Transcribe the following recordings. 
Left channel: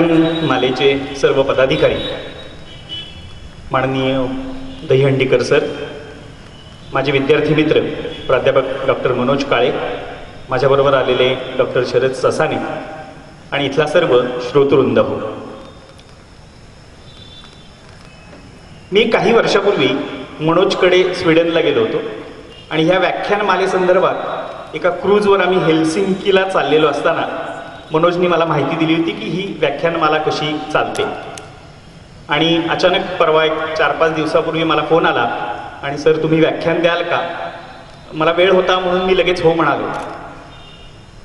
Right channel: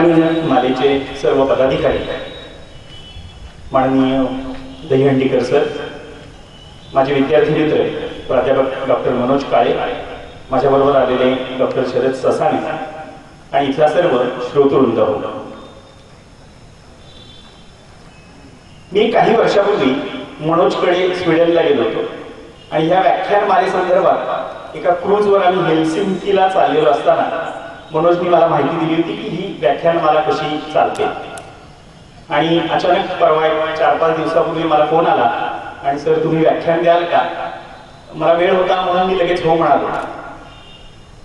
मालेचे सर्व पदाधिकारी, माननीय दहीहंडीकर सर, माझे विद्यार्थी मित्र प्राध्यापक डॉक्टर मनोज काळे, माझ्याबरोबर आलेले डॉक्टर शरद ससाने आणि इथला सर्व श्रोतृवृंद हो. मी काही वर्षापूर्वी मनोजकडे स्वीडनला गेलो होतो आणि ह्या व्याख्यानमालेसंदर्भात एका क्रूजवर आम्ही हेल्सिंकीला चाललेलो असताना मनोजनी मला माहिती दिली होती की ही व्याख्यानमाला कशी चालते. आणि अचानक परवा 4-5 दिवसापूर्वी मला फोन आला आणि सर तुम्ही व्याख्यान द्याल का? मला वेळ होता म्हणून मी लगेच हो म्हणालो.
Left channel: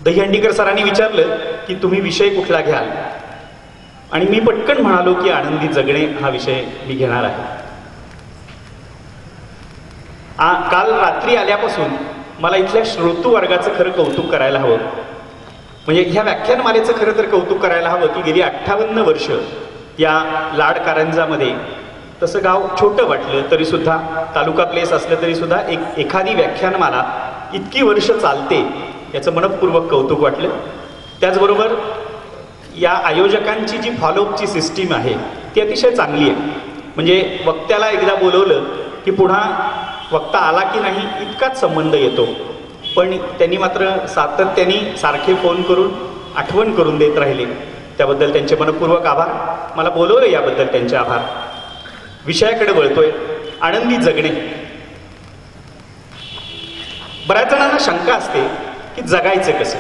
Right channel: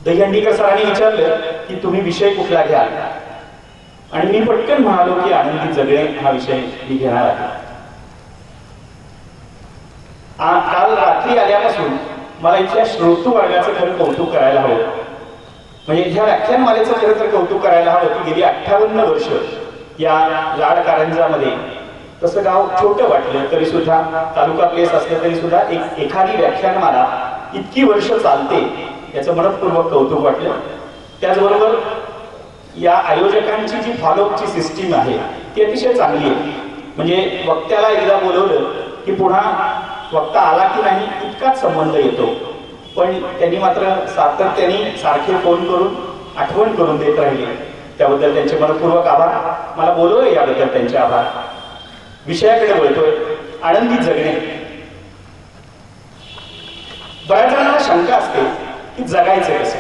दहीहंडीकर सरांनी विचारलं की तुम्ही विषय कुठला घ्याल, आणि मी पटकन म्हणालो की आनंदी जगणे हा विषय मी घेणार आहे. काल रात्री आल्यापासून मला इथल्या श्रोतृ वर्गाचं खरं कौतुक करायला हवं. म्हणजे ह्या व्याख्यानमालेचं खरं तर कौतुक करायला हवं की गेली 58 वर्ष या लाड कारंजामध्ये, तसं गाव छोटं वाटलं तरी सुद्धा, तालुका प्लेस असलं तरी सुद्धा एखादी व्याख्यानमाला इतकी वर्ष चालते याचं मनपूर्वक कौतुक वाटलं. त्याचबरोबर या आयोजकांची जी फॉलोअपची सिस्टीम आहे ती अतिशय चांगली आहे. म्हणजे वक्त्याला एकदा बोलवलं की पुन्हा वक्ता आला की नाही इतकाच संबंध येतो, पण त्यांनी मात्र सातत्याने सारखे फोन करून आठवण करून देत राहिले. त्याबद्दल त्यांचे मनपूर्वक आभार. मला बोलवलं याबद्दल त्यांचे आभार. विषयाकडे वळतोय, आनंदी जगणे. बऱ्याच जणांना शंका असते की जगायचं कसं.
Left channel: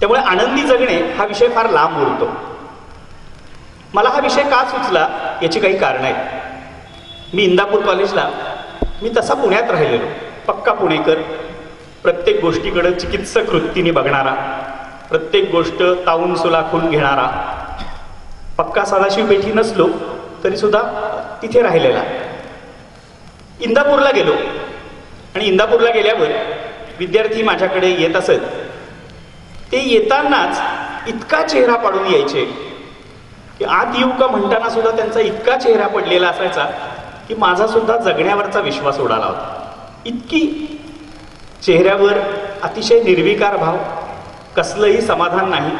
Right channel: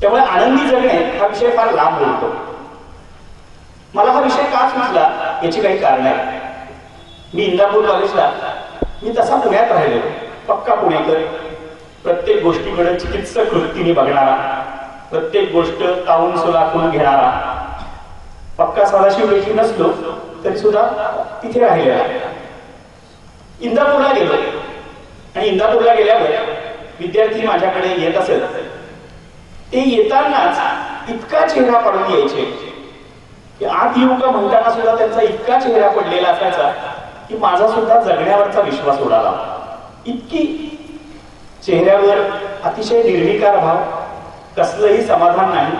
त्यामुळे आनंदी जगणे हा विषय फार लांब बोलतो. मला हा विषय का सुचला याची काही कारण आहे. मी इंदापूर कॉलेजला, मी तसा पुण्यात राहिलेलो, पक्का पुणेकर, प्रत्येक गोष्टीकडे चिकित्सक वृत्तीने बघणारा, प्रत्येक गोष्ट तावून सुलाखून घेणारा, पक्का सदाशिव पेठी नसलो तरी सुद्धा तिथे राहिलेला. इंदापूरला गेलो आणि इंदापूरला गेल्यावर विद्यार्थी माझ्याकडे येत असत. ते येतानाच इतका चेहरा पाडून यायचे की आत येऊ का म्हणताना सुद्धा त्यांचा इतका चेहरा पडलेला असायचा की माझा सुद्धा जगण्यावरचा विश्वास उडाला होता. इतकी चेहऱ्यावर अतिशय निर्विकार भाव, कसलंही समाधान नाही,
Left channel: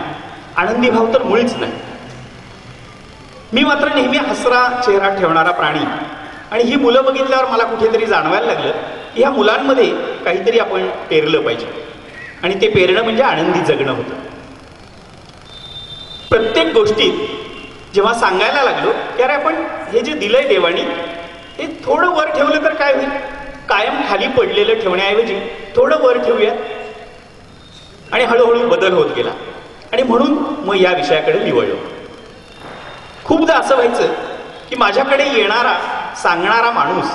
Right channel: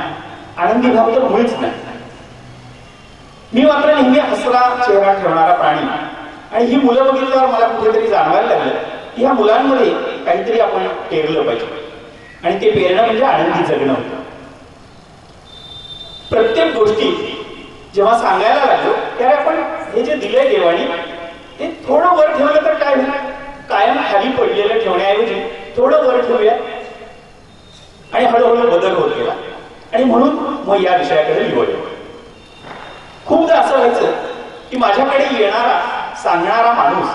आनंदी भाव तर मुळीच नाही. मी मात्र नेहमी हसरा चेहरा ठेवणारा प्राणी. आणि ही मुलं बघितल्यावर मला कुठेतरी जाणवायला लागलं की ह्या मुलांमध्ये काहीतरी आपण पेरलं पाहिजे, आणि ते पेरणं म्हणजे आनंदी जगणं होतं. प्रत्येक गोष्टी जेव्हा सांगायला लागलो की अरे आपण हे जे दिलंय देवानी ते थोडं वर ठेवलं तर काय होईल, कायम खाली पडलेलं ठेवण्याऐवजी थोडं वर ठेवूया. आणि हळूहळू बदल होत गेला. आणि म्हणून मग या विषयाकडे निवडलो. खूपदा असं व्हायचं की माझ्याकडे येणारा सांगणारा माणूस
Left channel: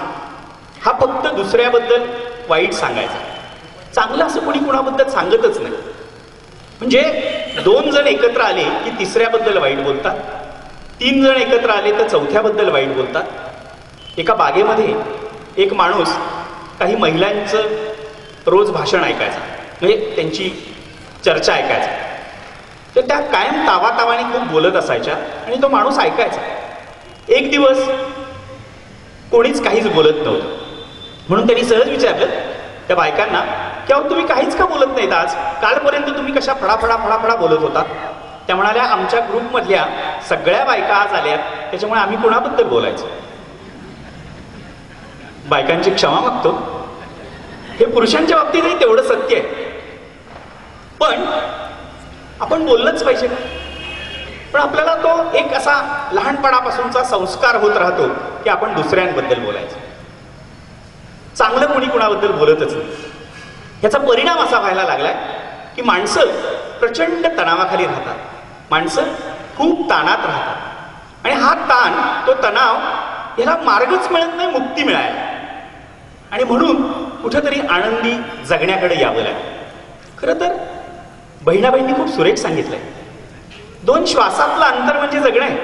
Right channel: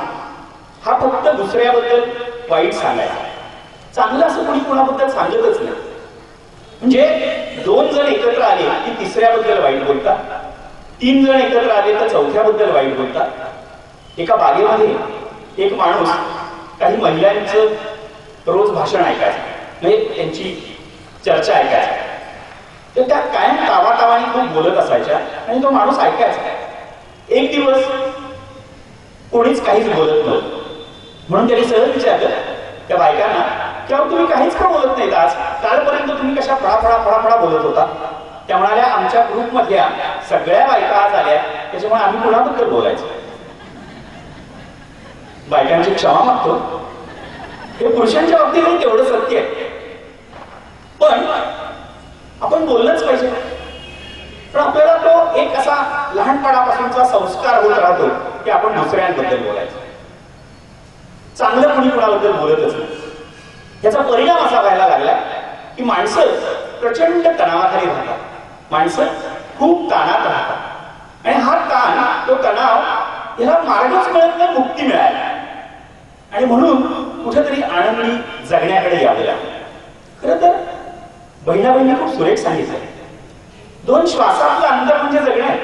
हा फक्त दुसऱ्याबद्दल वाईट सांगायचा, चांगलं असं कोणी कोणाबद्दल सांगतच नाही. म्हणजे 2 जण एकत्र आले की तिसऱ्याबद्दल वाईट बोलतात, 3 जण एकत्र आले तर चौथ्याबद्दल वाईट बोलतात. एका बागेमध्ये एक माणूस काही महिलांचं रोज भाषण ऐकायचं, म्हणजे त्यांची चर्चा ऐकायचा. तर त्या कायम तावातावाने खूप बोलत असायच्या आणि तो माणूस ऐकायचा. एक दिवस कोणीच काहीच बोलत नव्हतं, म्हणून त्यांनी सहज विचारलं त्या बायकांना की अहो तुम्ही काहीच का बोलत नाहीत आज, कालपर्यंत तुम्ही कशा फडाफडा फडाफडा बोलत होता. त्या म्हणाल्या आमच्या ग्रुपमधल्या सगळ्या बायका आज आल्या, त्याच्यामुळे आम्ही कोणाबद्दल बोलायचं. बायकांची क्षमा मागतो, हे पुरुषांच्या बाबतीतही तेवढं सत्य आहे. पण आपण बोललंच पाहिजे. पण आपल्याला तो एक असा लहानपणापासूनचा संस्कार होत राहतो की आपण दुसऱ्यांबद्दल बोलायचं. चांगलं कोणी कोणाबद्दल बोलतच नाही. याचा परिणाम असा व्हायला लागला की माणसं प्रचंड तणावाखाली राहतात, माणसं खूप ताणात राहतात. आणि हा ताण, तो तणाव, याला मार्गच मिळत नाही मुक्ती मिळायला. आणि म्हणून कुठेतरी आनंदी जगण्याकडे यावं लागलं. खरं तर बहिणाबाईंनी खूप सुरेख सांगितलंय, 2 श्वासातलं अंतर म्हणजे जगणं आहे.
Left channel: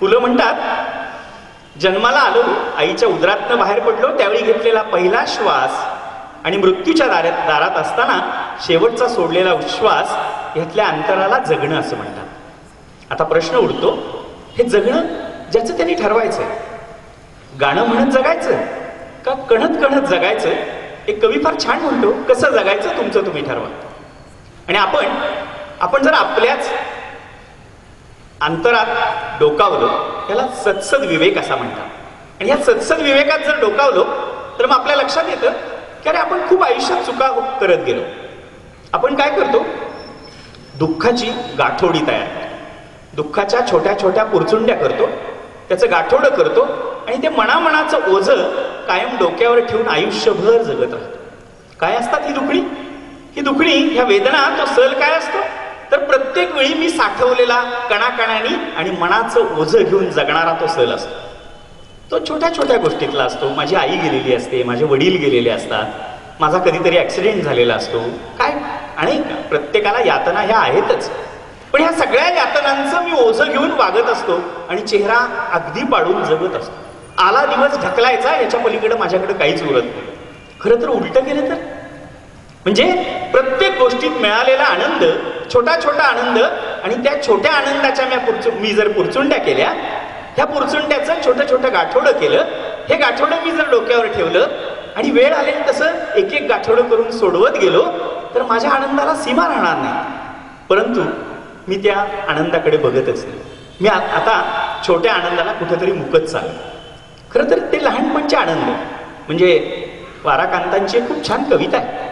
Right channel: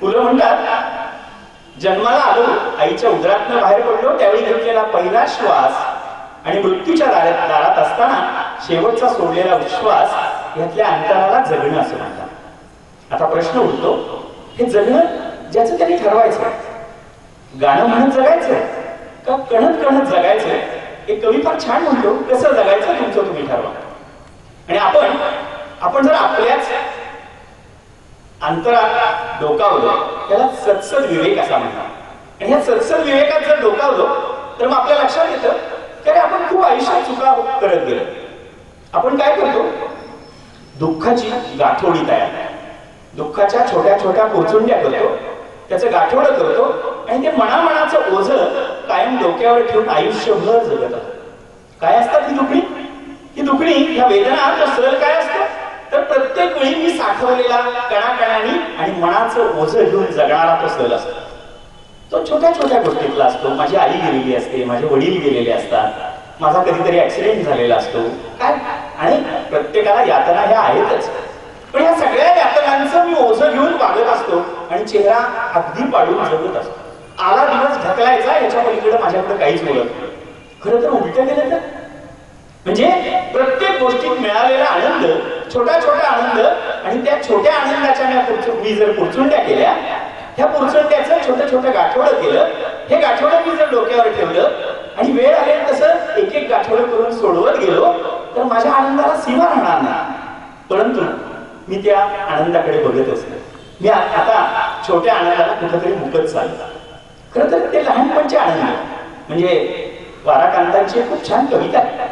मुलं म्हणतात जन्माला आलो, आईच्या उदरातनं बाहेर पडलो, त्यावेळी घेतलेला पहिला श्वास आणि मृत्यूच्या दारात असताना शेवटचा सोडलेला उच्छ्वास, ह्यातल्या अंतराला जगणं असं म्हणतात. आता प्रश्न उठतो, हे जगणं ज्याचं त्यांनी ठरवायचं, गाणं म्हणत जगायचं का कणत कणत जगायचं? एक कवी फार छान म्हणतो, कसं जगायचं तुमचं तुम्ही ठरवा. आणि आपण जर आपल्याच अंतरात डोकावलं त्याला सत्सद विवेक असा म्हणतात. आणि या सत्सद विवेकात जर डोकावलं तर मग आपल्या लक्षात येतं की अरे आपण खूप आयुष्यात चुका करत गेलो. आपण काय करतो, दुःखाची गाठोडी तयार, दुःखाच्या छोट्या छोट्या पुरचुंड्या करतो, त्याचं गाठोडं करतो आणि ते मनामनाचं ओझं कायम डोक्यावर ठेवून आयुष्यभर जगत असतो. काय असतात ही दुखणी? ही दुखणी, ह्या वेदना, तो सल काय असतो तर प्रत्येक वेळी मी साठवलेला कणाकणानी आणि मनाचं ओझं घेऊन जगणारा तो सल असतो. तो छोट्या छोट्या गोष्टीतला असतो. माझी आई गेलेली असते, माझे वडील गेलेले असतात, माझा कधीतरी ऍक्सिडेंट झालेला असतो, काय, आणि प्रत्येकाला यातना ह्या आहेतच. पण ह्या सगळ्या यातनांचं मी ओझं घेऊन वागत असतो आणि चेहरा अगदी पाडून जगत असतो. आला दिवस ढकलायचा, याच्या पलीकडे माझ्याकडे काहीच उरत नाही. खरं तर उलट केलं तर म्हणजे प्रत्येक गोष्टीत मिळालेला आनंद, छोटा छोटा आनंद, आणि त्या छोट्या आनंदाच्या मी जर पुरचुंड्या केल्या, ह्या पुरचुंड्याचं छोटं छोटं गाठोडं केलं, हे गाठोडं मी जर डोक्यावर ठेवलं आणि वेळ आले तसं एक एक गाठोडं करून सोडवत गेलो तर माझ्या आनंदाला सीमा राहणार नाही. परंतु मी त्या आनंदाकडे बघतच नाही. मी आता छोट्या आनंदाला कुठेतरी मुकत चाललो. खरं तर ते लहानपणचे आनंद म्हणजे वाराकांतांची खूप छान कविता आहे.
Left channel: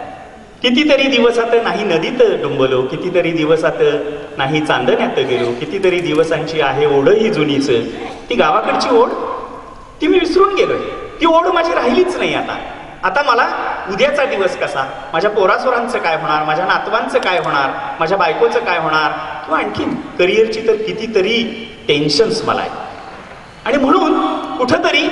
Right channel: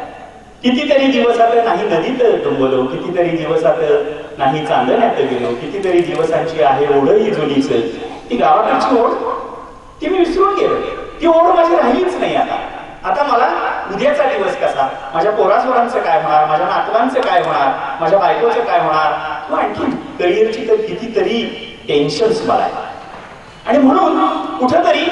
कितीतरी दिवसात नाही नदीत डुंबलो, कितीतरी दिवसात नाही चांदण्यात गेलो, कितीतरी दिवसांची आहे ओढ ही जुनीच. ती गावाकडची ओढ ती मी विसरून गेलो. ती ओढ माझी राहिलीच नाही. आता मला उद्याचा दिवस कसा, माझ्या पोरासोरांचं काय होणार, माझ्या नातवांचं काय होणार, माझ्या बायकोचं काय होणार, किंवा आणखी करिअरची तर कितीतरी टेन्शन्स मला आहे. आणि म्हणून कुठंतरी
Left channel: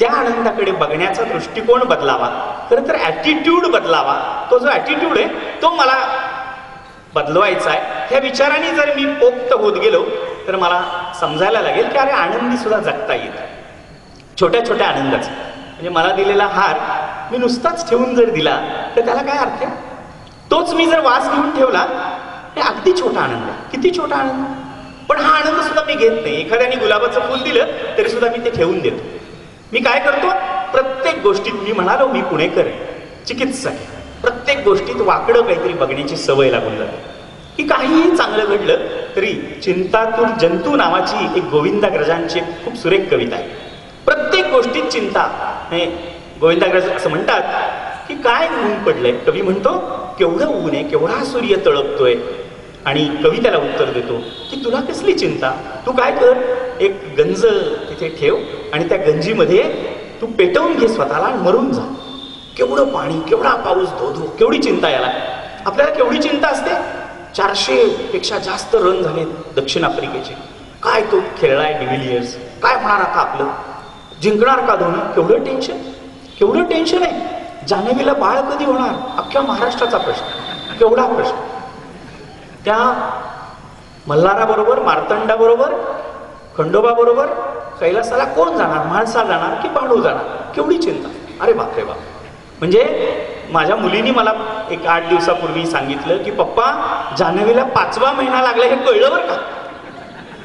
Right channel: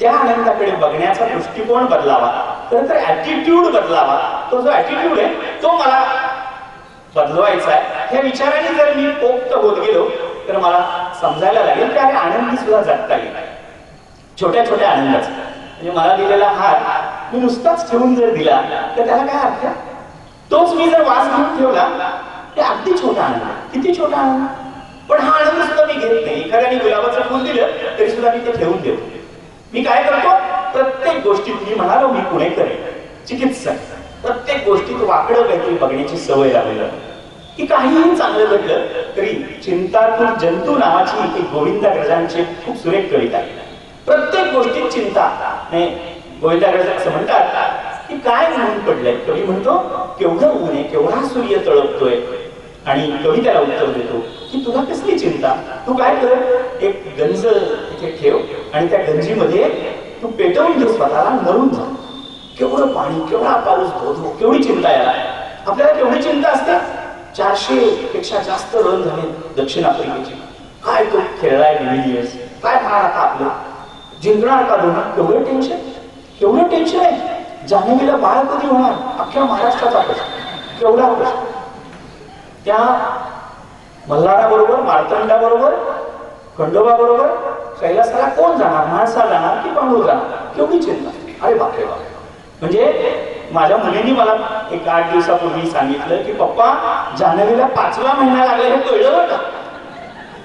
त्या आनंदाकडे बघण्याचा दृष्टिकोन बदलावा, खरं तर ऍटिट्यूड बदलावा. तो जो ऍटिट्यूड आहे तो मला बदलवायचा आहे. ह्या विचाराने जर मी पोक्त होत गेलो तर मला समजायला लागेल की अरे आनंदी सुद्धा जगता येत आहे, छोट्या छोट्या आनंदाचा. म्हणजे मला दिलेला हार मी नुसताच ठेवून जर दिला तर त्याला काय अर्थ आहे? तोच मी जर वास घेऊन ठेवला हे अगदी छोटा आनंद, किती छोटा आनंद. पण हा आनंद सुद्धा मी घेत नाही. एखाद्याने गुलाबाचं फुल दिलं तरी सुद्धा मी ते ठेवून देतो. मी काय करतो, प्रत्येक गोष्टीत, मी म्हणालो मी पुणेकर चिकित्सक, प्रत्येक गोष्टीत वाकडं काहीतरी बघण्याची सवय लागली आहे. की काहीही चांगलं घडलं तरी चिंतातूर जंतू नावाची एक गोविंदाग्रजांची खूप सुरेख कविता आहे. प्रत्येक गोष्टीत चिंता. गोविंदाग्रज असं म्हणतात की काय ऊन पडलंय. कवी म्हणतो केवढं ऊन आहे, केवढा सूर्य तळपतोय. आणि कवी त्याला उत्तर देतो की तुला कसली चिंता, तू काय कर, एक गंज तिथे ठेव आणि त्या गंजीमध्ये तू पेटवून घे स्वतःला, मरून जा. केवढं पाणी, केवढा पाऊस, धो, केवढी चिंता याला. आपल्याला केवढी चिंता असते. 400 पेक्षा जास्त रन झाले दक्षिण आफ्रिकेचे. काय तो खेळलाय डिव्हिलियर्स, काय होणार आता आपलं, जिंकणार का धोनी, केवढं टेन्शन, केवढं टेन्शन आहे. जान्हवीला बाळ कधी होणार, अख्ख्या महाराष्ट्राचा प्रश्न, केवढा प्रश्न. त्या मल्हाराबरोबर, मार्तंडाबरोबर, खंडोबाबरोबर कैलासाला कोण जाणार, माणसा जाणार की पांडू जाणार, केवढी चिंता. अरे बापरे बाप. म्हणजे माझ्या मुलीने मला एक 8 दिवसापूर्वी सांगितलं की पप्पा जान्हवीला 5वा महिना लागला, हे कळलं बरं का.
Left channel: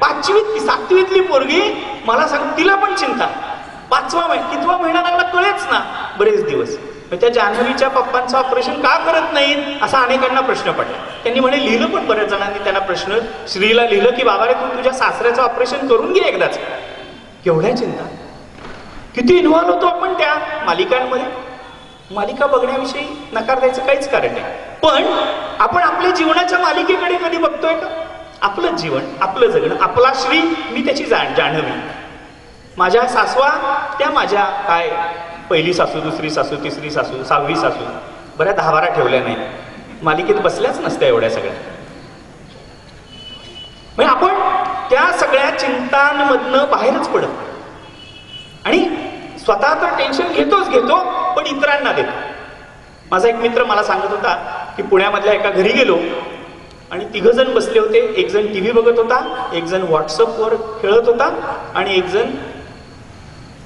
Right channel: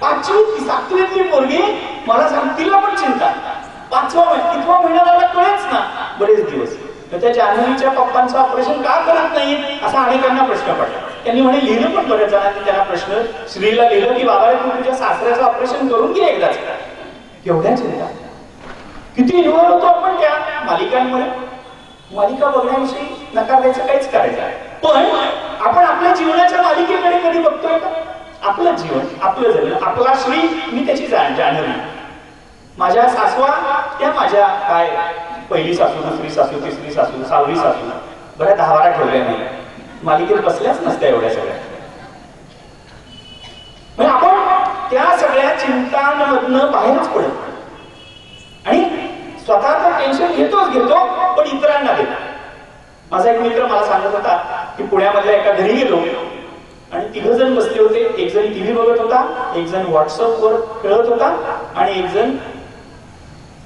5वी 7वीतली पोरगी मला सांग, तिला पण चिंता. 5वा महिना, कितवा महिना लागला कळेच ना बरेच दिवस. त्या जान्हवीच्या पप्पांचं ऑपरेशन का करत नाही असा अनेकांना प्रश्न पडला. त्यांनी म्हणे लिहिलं पण बऱ्याच जणांनी त्यांना प्रश्न, श्रीला लिहिलं की बाबा तू तुझ्या सासऱ्याचं ऑपरेशन करून घे एकदाच. केवढ्या चिंता. किती इन्व्हॉल्व होतो आपण त्या मालिकांमध्ये. मालिका बघण्याविषयी नकार द्यायचं काहीच कारण नाही. पण आपण आपल्या जीवनाच्या मालिकेकडे कधी बघतोय का? आपलं जीवन, आपलं जगणं, आपला श्री, मी त्याची जाणवी. माझ्या सासवा त्या माझ्या काय पहिली सासू, दुसरी सासू, तिसरी सासू, 6वी सासू, बऱ्या 10-12 ठेवल्या नाही. मालिकेत बसल्याच नसत्या एवढ्या सगळ्या. म्हणजे आपण त्या सगळ्या चिंतांमधनं बाहेरच पडत आणि स्वतः तर टेन्शन घेतो पण इतरांना देतो. माझा एक मित्र मला सांगत होता की पुण्यामधल्या एका घरी गेलो आणि 3 जण बसले होते. एक जण टीव्ही बघत होता, एक जण व्हॉट्सअपवर खेळत होता आणि एक जण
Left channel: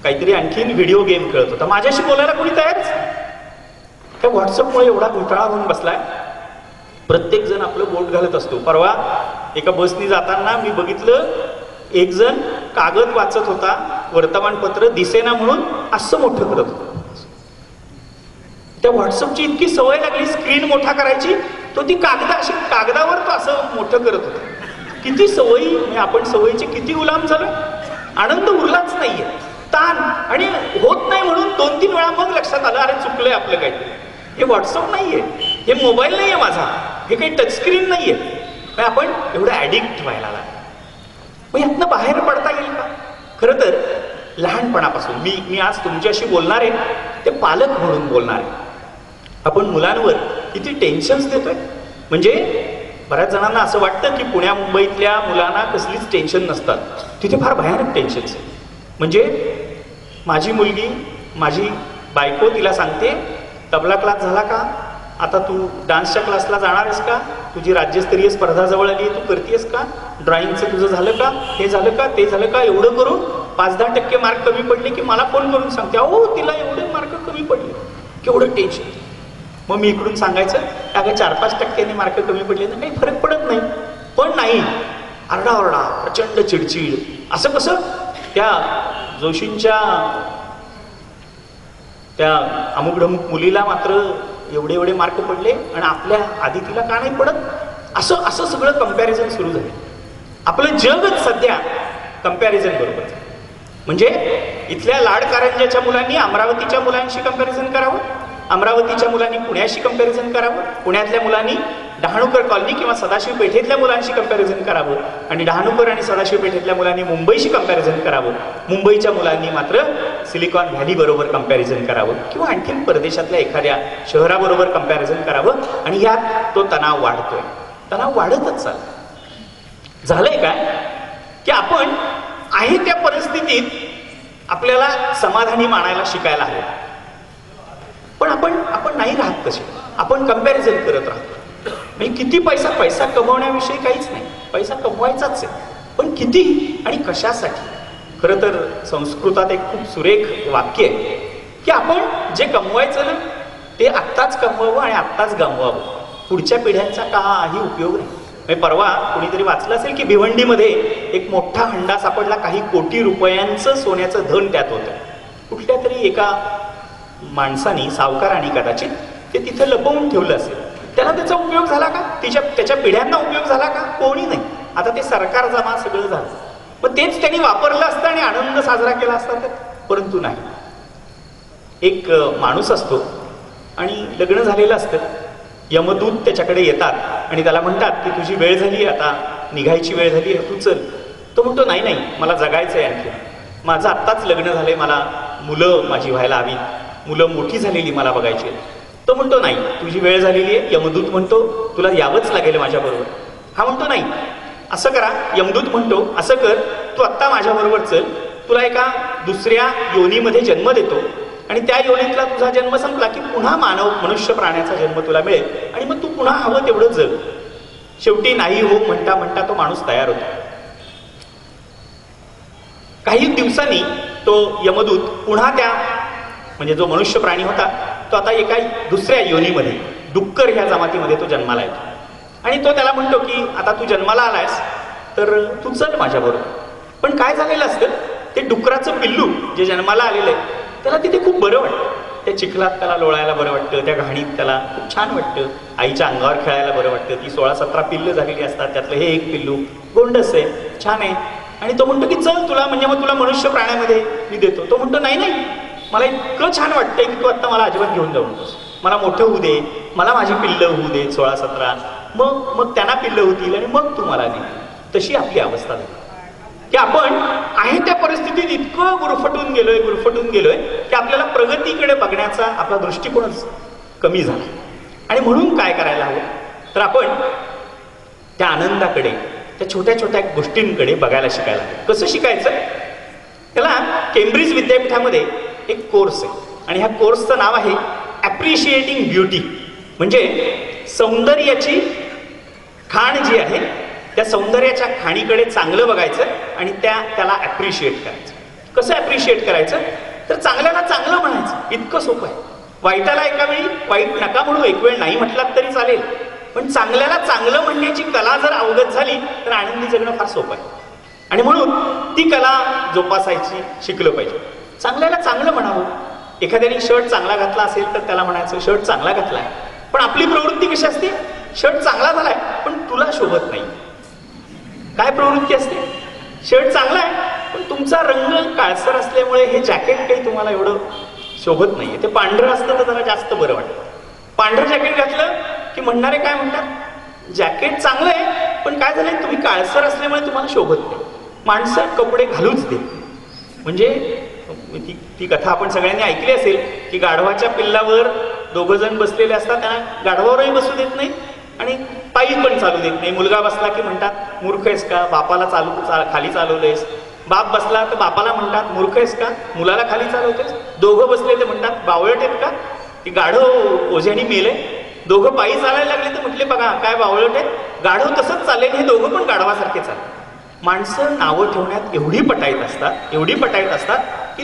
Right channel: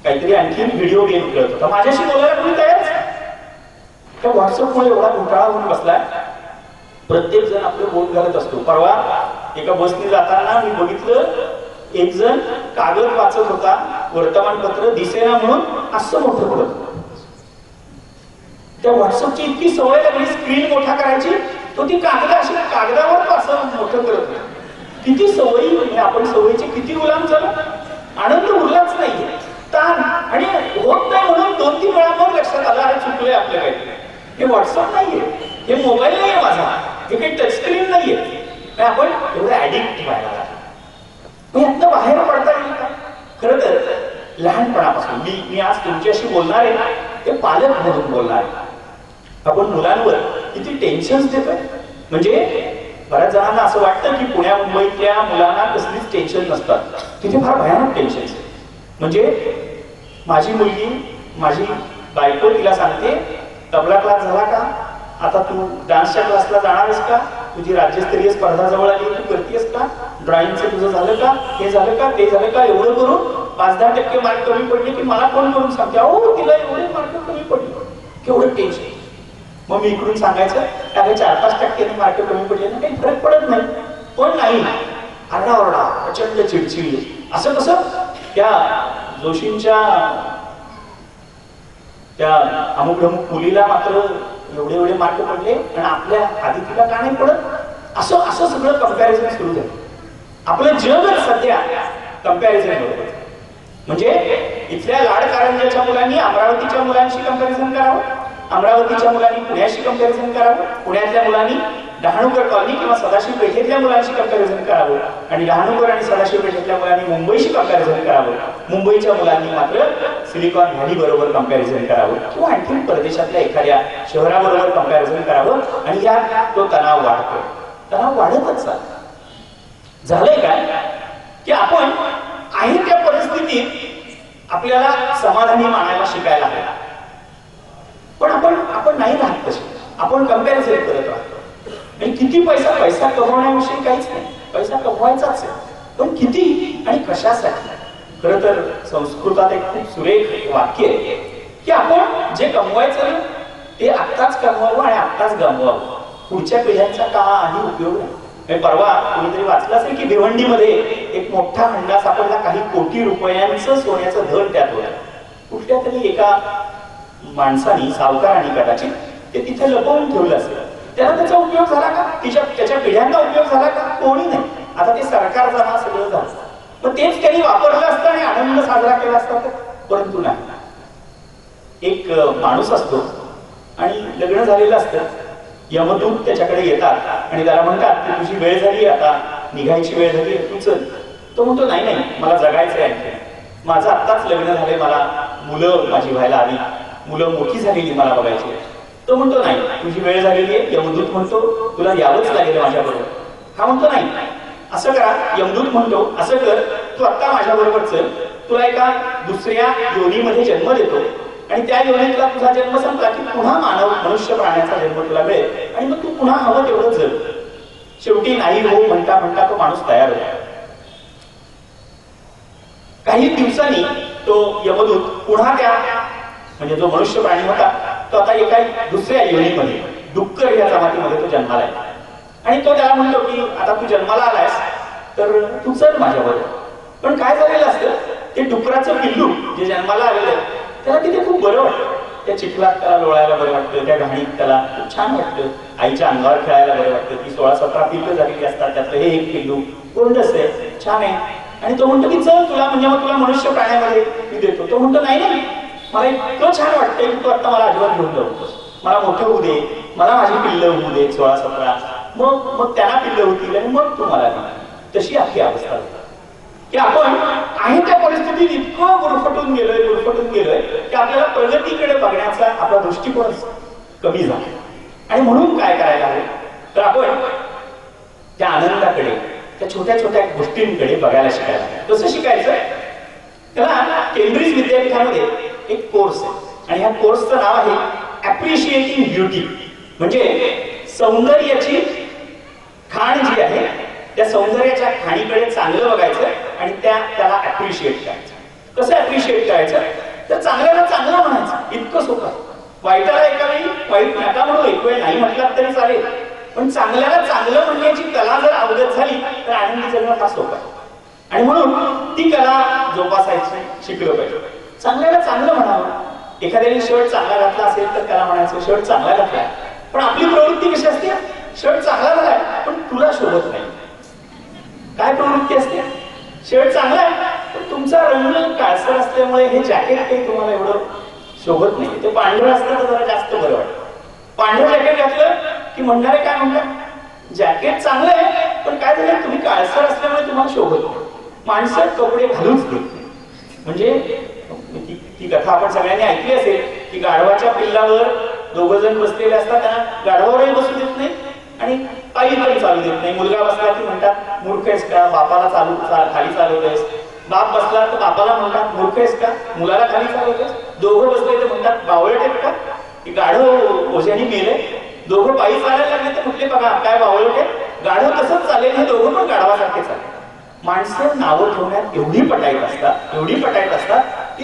काहीतरी आणखीन व्हिडिओ गेम खेळत होता. माझ्याशी बोलायला कोणी तयारच. त्या व्हॉट्सअपमुळे एवढा घोटाळा होऊन बसलाय. प्रत्येक जण आपलं बोट घालत असतो. परवा एका बसनी जाताना मी बघितलं, एक जण कागद वाचत होता, वर्तमानपत्र दिसेना म्हणून असं मोठं करत होतं. त्या व्हॉट्सअपची इतकी सवय लागली स्क्रीन मोठा करायची, तो ती कागदावर तो असं मोठं करत होता. किती सवयी, म्हणजे आपण सवयीचे किती गुलाम झालो. आनंद उरलाच नाहीये, ताण, आणि होत नाही म्हणून 2-3 वेळा मग लक्षात आलं अरे चुकलंय आपलं काहीतरी. हे व्हॉट्सअप नाहीये, हे मोबाईल नाहीये माझा, हे काही टचस्क्रीन नाहीये. आपण एवढं ऍडिक्ट व्हायला लागलो. मग यातनं बाहेर पडता येईल का? खरं तर लहानपणापासून मी आज तुमच्याशी बोलणार आहे ते पालक म्हणून बोलणार आहे. आपण मुलांवर किती टेन्शन्स देतोय. म्हणजे बऱ्याच जणांना असं वाटतं की पुण्या मुंबईतल्या मुलांना कसलीच टेन्शन नसतात, तिथे फार भयानक टेन्शन्स आहे. म्हणजे माझी मुलगी, माझी बायको तिला सांगते तबला क्लास झाला का, आता तू डान्सच्या क्लासला जाणारस का, तुझी राज्यस्तरीय स्पर्धा जवळ आली तू करतेस का, ड्रॉइंगचं तुझं झालं का, हे झालं का, ते झालं का. एवढं करून 5-10% मार्क कमी पडले की मला फोन करून सांगते अहो तिला एवढे मार्क कमी पडले. केवढं टेन्शन. मग मी इकडून सांगायचं अगं 4-5% मार्क कमी पडले ना काही फरक पडत नाही. पण नाही, आरडाओरडा, प्रचंड चिडचिड. असं कसं? त्या जोशींच्या त्या अमुक ढमुक मुलीला मात्र एवढे मार्क पडले आणि आपल्या आदितीला का नाही पडत. असं सगळं कंपॅरिझन सुरू झालं. आपलं जगच सध्या कंपॅरिझन बरोबर. म्हणजे इथल्या लाडकारंजाच्या मुलांनी अमरावतीच्या मुलांशी कंपॅरिझन करावं, अमरावतीच्या मुलांनी पुण्याशी कंपॅरिझन करावं, पुण्यातल्या मुलांनी डहाणूकर कॉलनी किंवा सदाशिव पेठेतल्या मुलांशी कंपॅरिझन करावं, आणि डहाणूकर आणि सदाशिव पेठेतल्या मुलांनी मुंबईशी कंपॅरिझन करावं. मुंबईच्या मुलांनी मात्र सिलिकॉन व्हॅली बरोबर कंपॅरिझन करावं किंवा आणखी परदेशातल्या एखाद्या शहराबरोबर कंपॅरिझन करावं. आणि यात तो तणाव वाढतोय. तणाव वाढतच चालला. झालंय काय की आपण आहे त्या परिस्थितीत आपल्याला समाधानी मानायला शिकायला हवं. पण आपण नाही राहत तसे. आपण कंपॅरिझन करत राहतो. म्हणजे किती पैसा कमवण्याविषयी काहीच नाही, पैसा कमवायचाच आहे, पण किती आणि कशासाठी. खरं तर संस्कृतात एक खूप सुरेख वाक्य आहे की आपण जे कमवायचं ना ते आत्ताच कमवावं आणि आत्ताच गमवावं, पुढच्या पिढ्यांचा काही उपयोग नाही. परवा कोणीतरी वाचलं असेल की भिवंडीमध्ये एक मोठा हंडा सापडला, काही कोटी रुपयांचं सोन्याचं धन त्यात होतं. कुठल्या तरी एका माणसानी, सावकाराने कदाचित ते तिथे लपवून ठेवलं असेल. त्याला त्याचा उपयोग झाला का, त्याच्या पिढ्यांना उपयोग झाला का? कोणी नाही. आता ते सरकार जमा सगळं झालं, पण तेच त्यांनी वापरलं असतं आणि आनंद साजरा केला असता तर. परंतु नाही. एक माणूस असतो आणि लग्न झालेलं असतं. यमदूत त्याच्याकडे येतात आणि त्याला म्हणतात की तुझी वेळ झाली, आता निघायची वेळ झाली, तू चल. तो म्हणतो नाही, मला जगायचंय आणखी, माझं आत्ताच लग्न झालंय, मला मुलं माझी व्हायला हवी, मुलं मोठी झालेली मला बघायची. तो म्हणतो नाही, तुझी वेळ झालेली आहे. यमदूत म्हणतो तुला यावंच लागेल माझ्या बरोबर. हा म्हणतो नाही, असं करा. यमदूत म्हणतो असं कर, तू आत्ता माझ्या बरोबर चल, तुला एका दुसऱ्या योनीमध्ये जन्म देतो आणि त्या योनीतला तुझा जन्म संपला की पुन्हा मनुष्य प्राण्याचा जन्म तुला मिळेल आणि मग तू पुन्हा हवं तेवढं जग. शेवटी नाही हो म्हणता तो माणूस तयार होतो. काही दिवसांनी तो यमदूत पुन्हा त्या, म्हणजे जो मनुष्य प्राणी होता तो आता एका दुसऱ्या योनीमध्ये, डुक्कर ह्या जमातीमध्ये तो जन्माला येतो. आणि तो त्याला म्हणतो की आता तू जन्माला आलायस तर तू चल माझ्या बरोबर. पण काय झालेलं असतं, ते डुकराचं पिल्लू जे जन्माला आलेलं आहे त्याला तिथे खूप बरं वाटतं. त्या चिखलात त्याला लोळायला बरं वाटतं, त्या घाणीत त्याला खूप छान वाटतं, आईच्या अंगावर खेळायला बरं वाटतं. ती 16-17 पिल्लं झालेली असतात, त्यातलं हे एक पिल्लू गोंडस आहे, छान आहे. आणि तो म्हणतो की चल तुला, म्हणजे मग तुला मनुष्य प्राण्यामध्ये मी देतो. तो म्हणतो नाही, मला इतकं छान वाटतंय की तू आता मला अजिबात घेऊन जाऊ नकोस, मला मोठं होऊ दे, मला माझी पिल्लं होऊ दे 16-17, मग त्यांना पिल्लं होतील आणि मग तू मला दे. तशी आपली अवस्था आहे की आपण आहे त्या परिस्थितीत इतकं गुरफटून गेलोय की आपल्याला प्रगतीकडे बघण्याचा आपला दृष्टिकोनच कमी झाला. आणि म्हणून काय करायला हवं तर आपण त्या आनंदाकडे, त्या छोट्या छोट्या गोष्टींकडे बघायला शिकायला. कसं शिकायचं? त्याला केम्ब्रिज विद्यापीठामध्ये एक कोर्स आहे आणि ह्या कोर्सचं नाव आहे ॲप्रिशिएटिंग ब्युटी. म्हणजे सौंदर्याची खाण जी आहे त्या सौंदर्याच्या खाणीकडे चांगलं बघायचं आणि त्याला ॲप्रिशिएट करायचं. कसं ॲप्रिशिएट करायचं तर चांगल्याला चांगलं म्हणायचं, इतकं सोपं आहे. वाईटाला एका वेळी वाईट नका म्हणू, एक वेळ नाही म्हटलात तरी चालेल, पण चांगल्याला चांगलं म्हणण्याची कला जर अवगत झाली तर आनंदी जगणं फार सोपं आहे. आणि म्हणून ती कला जोपासायची शिकलं पाहिजे. चांगल्याला चांगलं म्हणावं. एखाद्याने शर्ट चांगला घातला असेल तर त्याला म्हणायचं शर्ट चांगला घातलाय, पण आपली प्रवृत्ती कशी असते, शर्ट चांगला झालाय पण तुला शोभत नाही. काय प्रवृत्ती असते? शर्ट चांगला आहे पण तुमचा रंग काळसर असल्यामुळे हे जॅकेट काही तुम्हाला एवढं शोभत नाहीये. ते पांढरं असतं तर जरा जास्त बरं वाटतं. पांढरं जॅकेट घातलं की म्हणणारे काय म्हणतात, जॅकेट चांगलं आहे पण काय झालंय तुम्ही काळसर असल्यामुळे तुम्हाला शोभत नाही. माणसं कपडे घालूच देत नाही. म्हणजे ती कथा आपण सगळ्यांनी ऐकली असेल की गाढवाच्या पिल्लावर दोघं जण बसलेले असतात, त्यांना गाढवावरही बसू देत नाही आणि पायी पण चालू देत नाही. मुलगा बसला की म्हणतात मूर्ख आहेस का, बापाला खाली चालवतेस. बाप बसला तर बापाला म्हणतात मूर्ख आहेस का, मुलाला खाली चालवतेस. दोघं बसले तर म्हणतात बावळट आहेत का, की गाढव ओझ्याने मेले. दोघं पायी चालायला लागले तर म्हटले बघा काय बावळट आहेत, गाढव तसंच चालेल, हे दोघं पण गाढवासारखे चालले. माणसं नावं ठेवण्यात एवढी पटाईत असतात की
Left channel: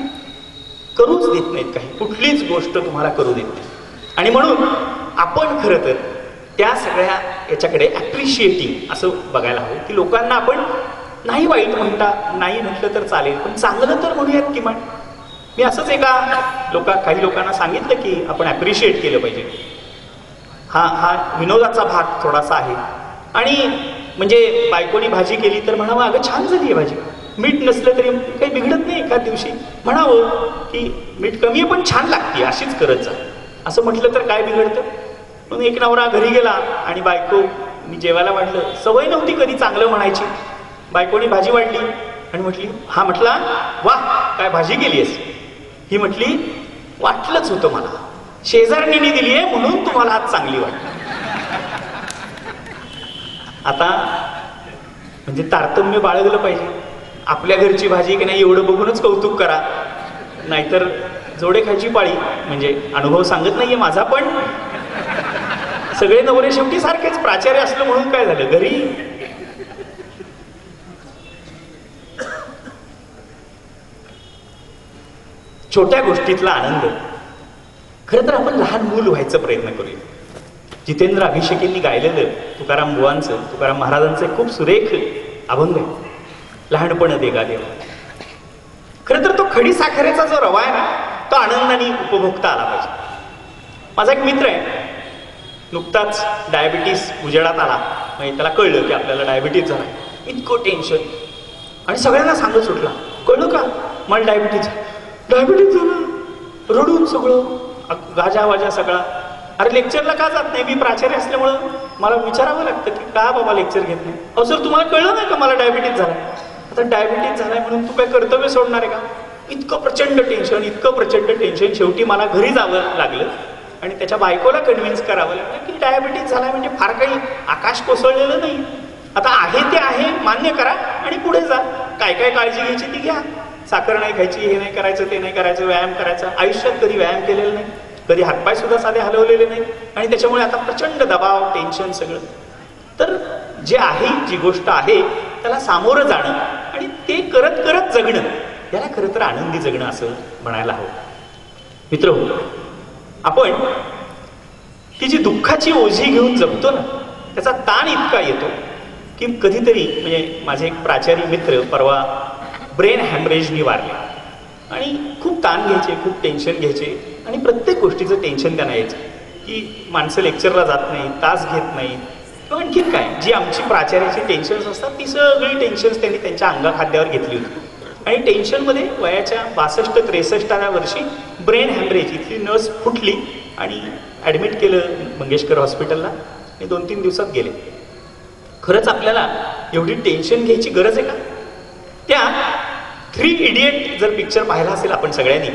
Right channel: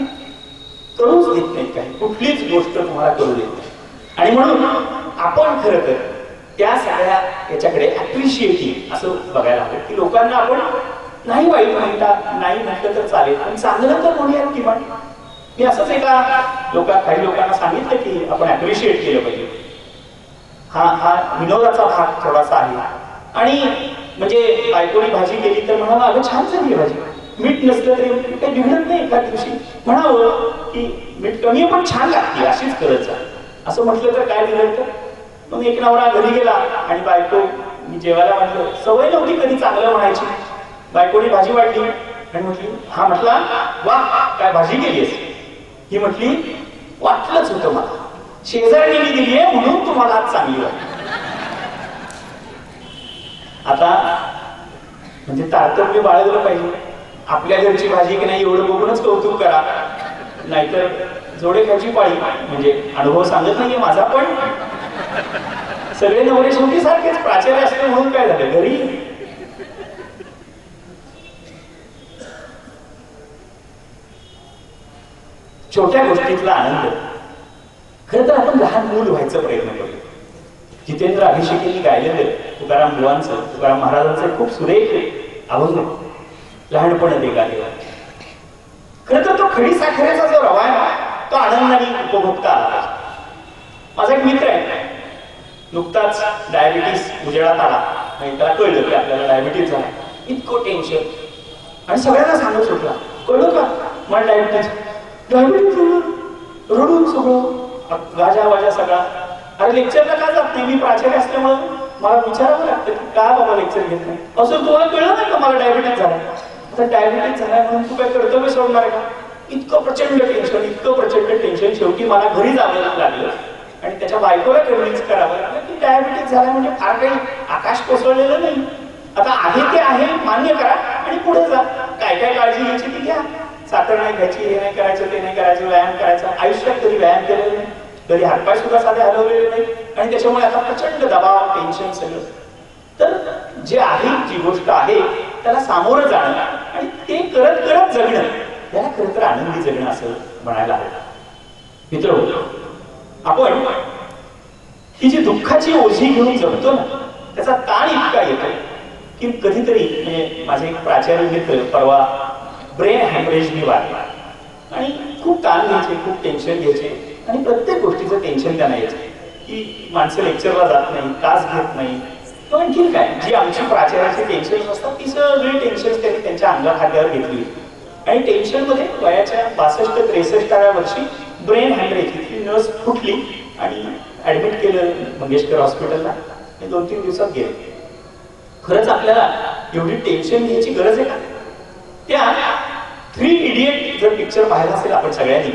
करूच देत नाहीत, काही कुठलीच गोष्ट तुम्हाला करू देत नाही. आणि म्हणून आपण खरं तर त्या सगळ्या याच्याकडे ऍप्रिशिएटिंग असं बघायला हवं की लोकांना आपण नाही वाईट नाही म्हटलं तर चालेल पण चांगलं तर म्हणूयात किमान. मी असंच काही लोकांना सांगितलं की आपण ऍप्रिशिएट केलं पाहिजे. हा विनोदाचा भाग थोडासा आहे. आणि म्हणजे बायकोनी भाजी केली तर म्हणावं अगं छान झाली आहे भाजी, मीठ नसलं तरी काही बिघडत नाही. एका दिवशी म्हणावं की मीठ कमी आहे पण छान लागते, अशीच करत जा. असं म्हटलं तर काय बिघडतं. मग एक नवरा घरी गेला आणि बायको मी जेवायला वाटलं, सवय नव्हती कधी चांगलं म्हणायची. बायकोनी भाजी वाढली आणि म्हटली, हा म्हटला वा काय भाजी केलीस. ही म्हटली वाटलंच होतं मला, शेजारणीने दिली आहे म्हणून तुम्हाला आज चांगली वाटली. आता म्हणजे तारतम्य बाळगलं पाहिजे. आपल्या घरची भाजी की नाही एवढं बघूनच कौतुक करा, नाहीतर जोडे खायची पाळी. म्हणजे अनुभव सांगत नाहीये माझा, पण सगळे नवरे शेवटी सारखेच. प्राचार्य असलं म्हणून काय झालं, घरी छोट्या गोष्टीतला आनंद. खरं तर आपण लहान मूल व्हायचा प्रयत्न करूया. जितेंद्र अभिषेकींनी गायलेलं तुकाराम बुवांचं, तुकाराम महाराजांचं खूप सुरेख अभंग आहे, लहानपण देगा देवा. खरं तर तो खडी साखरेचा जो रवा आहे ना, तो आनंदाने उपभोगता आला पाहिजे. माझा एक मित्र आहे, नुकताच डायबिटीस उजेडात आला, म्हणजे त्याला कळलं की आपल्याला डायबिटीस झाला. इतकं टेन्शन आणि सगळ्यांना सांगत सुटला, कळलं का मला डायबिटीस झालं, रडून सगळं गाजा वाजा सगळा. अरे लेक्चरला का जात नाही, मी प्राचार्य असल्यामुळं मला विचारावं लागतं की का बाबा लेक्चर घेत नाही. असं तुम्हाला कळलं नाही का मला डायबिटीस झाला. आता डायबिटीस झालाय म्हणून तू काय कर्तव्य सोडणार आहे का. इतकं प्रचंड टेन्शन. शेवटी मला घरी जावं लागलं आणि त्याच्या बायकोला कन्व्हिन्स करावं लागलं की डायबिटीस झालाय म्हणजे फार काही आकाश कोसळलेलं नाही. आता आहे ते आहे, मान्य करा आणि पुढे जा. काय काय काळजी घ्यायची ती घ्या. साखर नाही खायची, हे नाही करायचं, ते नाही करायचं, व्यायाम करायचा. आयुष्यात कधी व्यायाम केलेला नाही, कधी हातपाय सुद्धा साधे हलवलेले नाही आणि त्याच्यामुळे आता प्रचंड दबाव, टेन्शन सगळं. तर जे आहे, जी गोष्ट आहे त्याला सामोरं जाणं आणि ते करत करत जगणं, याला खरं तर आनंदी जगणं असं म्हणायला हवं. मित्रहो, आपण ती जी दुःखाची ओझी घेऊन जगतो ना, त्याचा ताण इतका येतो की कधीतरी म्हणजे माझे एक प्राचार्य मित्र परवा ब्रेन हॅमरेजनी वारले आणि खूप ताण घ्यायचे, खूप टेन्शन घ्यायचे आणि प्रत्येक गोष्टीचं टेन्शन त्यांना यायचं की माणसं लेक्चरला जात नाही, तास घेत नाही किंवा आणखीन काय. जी आमची प्राचार्याची टेन्शन्स असतात ती सगळी टेन्शन्स त्यांनी त्यांच्या अंगाखाद्यावर घेतली होती. आणि टेन्शनमध्ये वयाच्या 62-63व्या वर्षी ब्रेन हॅमरेज, इथली नस फुटली आणि ऍडमिट केलं मंगेशकर हॉस्पिटलला आणि 2-3 दिवसात गेले. खरंच आपल्याला एवढी टेन्शन घ्यायची गरज आहे का. त्या 3 इडियट जर पिक्चर पाहिला असेल आपण सगळ्यांनी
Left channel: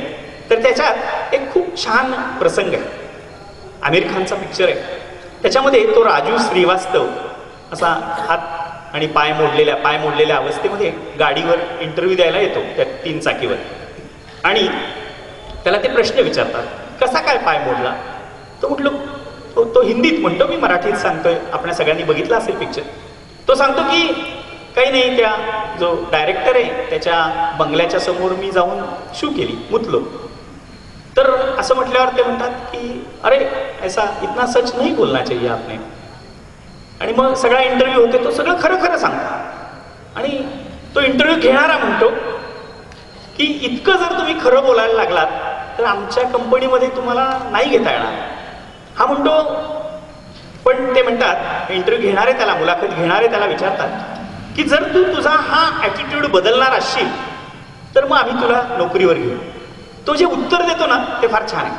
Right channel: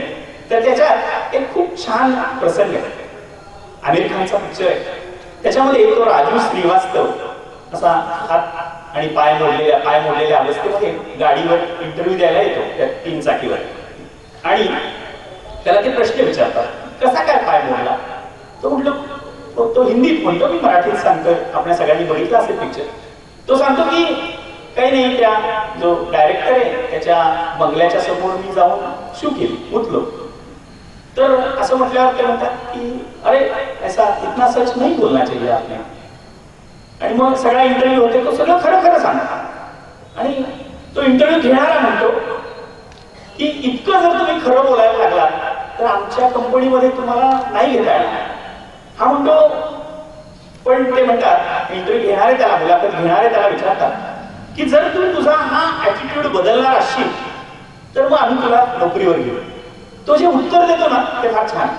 तर त्याच्यात एक खूप छान प्रसंग आहे. आमिर खानचा पिक्चर आहे. त्याच्यामध्ये तो राजू श्रीवास्तव असा हात आणि पाय मोडलेल्या अवस्थेमध्ये गाडीवर इंटरव्ह्यू द्यायला येतो त्या 3 चाकीवर आणि त्याला ते प्रश्न विचारतात, कसा काय पाय मोडला. तो म्हटलं, तो हिंदीत म्हणतो, मी मराठीत सांगतोय, आपण सगळ्यांनी बघितला असेल पिक्चर. तो सांगतो की काही नाही, त्या जो डायरेक्टर आहे त्याच्या बंगल्याच्या समोर मी जाऊन शू केली, मुतलो. तर असं म्हटल्यावर ते म्हणतात की अरे ऐसा इतना सच नाही बोलना चाहिए आपने. आणि मग सगळा इंटरव्ह्यू होते, तो सगळं खरं खरं सांगतो आणि तो इंटरव्ह्यू घेणारा म्हणतो की इतकं जर तुम्ही खरं बोलायला लागलात तर आमच्या कंपनीमध्ये तुम्हाला नाही घेता येणार. हा म्हणतो, पण ते म्हणतात इंटरव्ह्यू घेणारे त्याला, मुलाखत घेणारे त्याला विचारतात की जर तू तुझा हा ऍटिट्यूड बदलणार असशील तर मग आम्ही तुला नोकरीवर घेऊ. तो जे उत्तर देतो ना ते फार छान आहे.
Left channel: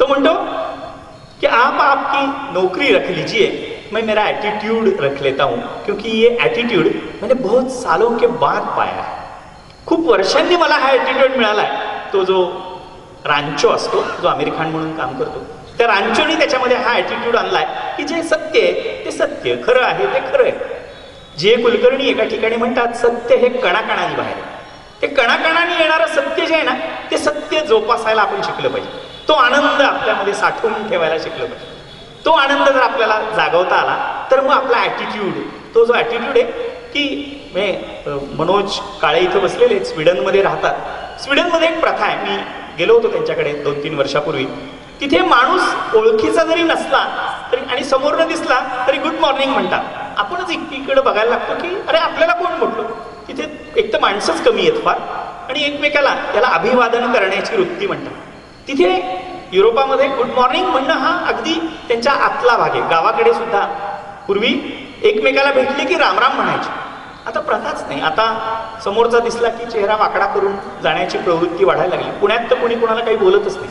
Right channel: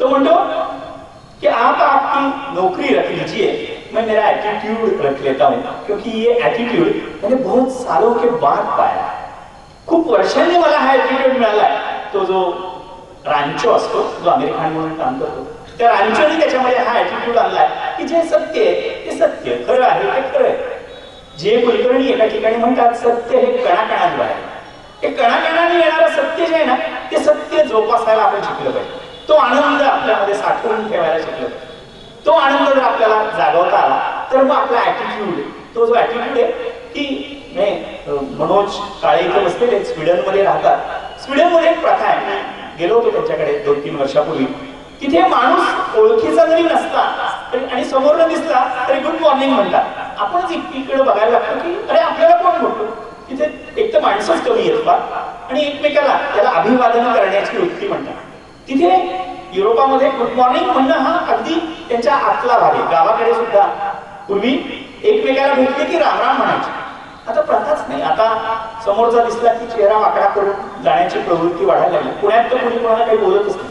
तो म्हणतो कि आप आपकी नौकरी रख लीजिए, मैं मेरा एटीट्यूड रख लेता हूं, क्योंकि ये एटीट्यूड मैंने बहुत सालों के बाद पाया है. खूप वर्षांनी मला हा एटीट्यूड मिळालाय. तो जो रांचो असतो, जो आमिर खान म्हणून काम करतो, त्या रांचोने त्याच्यामध्ये हा एटीट्यूड आणलाय की जे सत्य आहे ते सत्य, खरं आहे ते खरं आहे. जे कुलकर्णी एका ठिकाणी म्हणतात सत्य हे कणाकणात बाहेर, ते कणाकणाने येणारं सत्य जे आहे ना ते सत्य जोपासायला आपण शिकलं पाहिजे. तो आनंद आपल्यामध्ये साठवून ठेवायला शिकलं पाहिजे. तो आनंद जर आपल्याला जागवता आला तर मग आपला ऍटिट्यूड, तो जो ऍटिट्यूड आहे की मनोज काळे इथं बसलेले स्वीडनमध्ये राहतात. स्वीडनमध्ये एक प्रथा आहे, मी गेलो होतो त्यांच्याकडे 2-3 वर्षापूर्वी. तिथे माणूस ओळखीचा जरी नसला तरी आणि समोरनं दिसला तरी गुड मॉर्निंग म्हणतात. आपणच इकडे बघायला लागतो की अरे आपल्याला कोण म्हटलं. तिथे एक तर माणसंच कमी आहेत फार आणि एकमेकाला त्याला अभिवादन करण्याची वृत्ती म्हणतात. तिथे युरोपामध्ये गुड मॉर्निंग म्हणणं हा अगदी त्यांच्या आतला भाग आहे. गावाकडे सुद्धा पूर्वी एकमेकाला भेटले की रामराम म्हणायचे. आता प्रथाच नाही. आता समोरचा दिसला की चेहरा वाकडा करून जाण्याची प्रवृत्ती वाढायला लागली. पुण्यात तर कोणी कोणाला काही बोलतच नाही,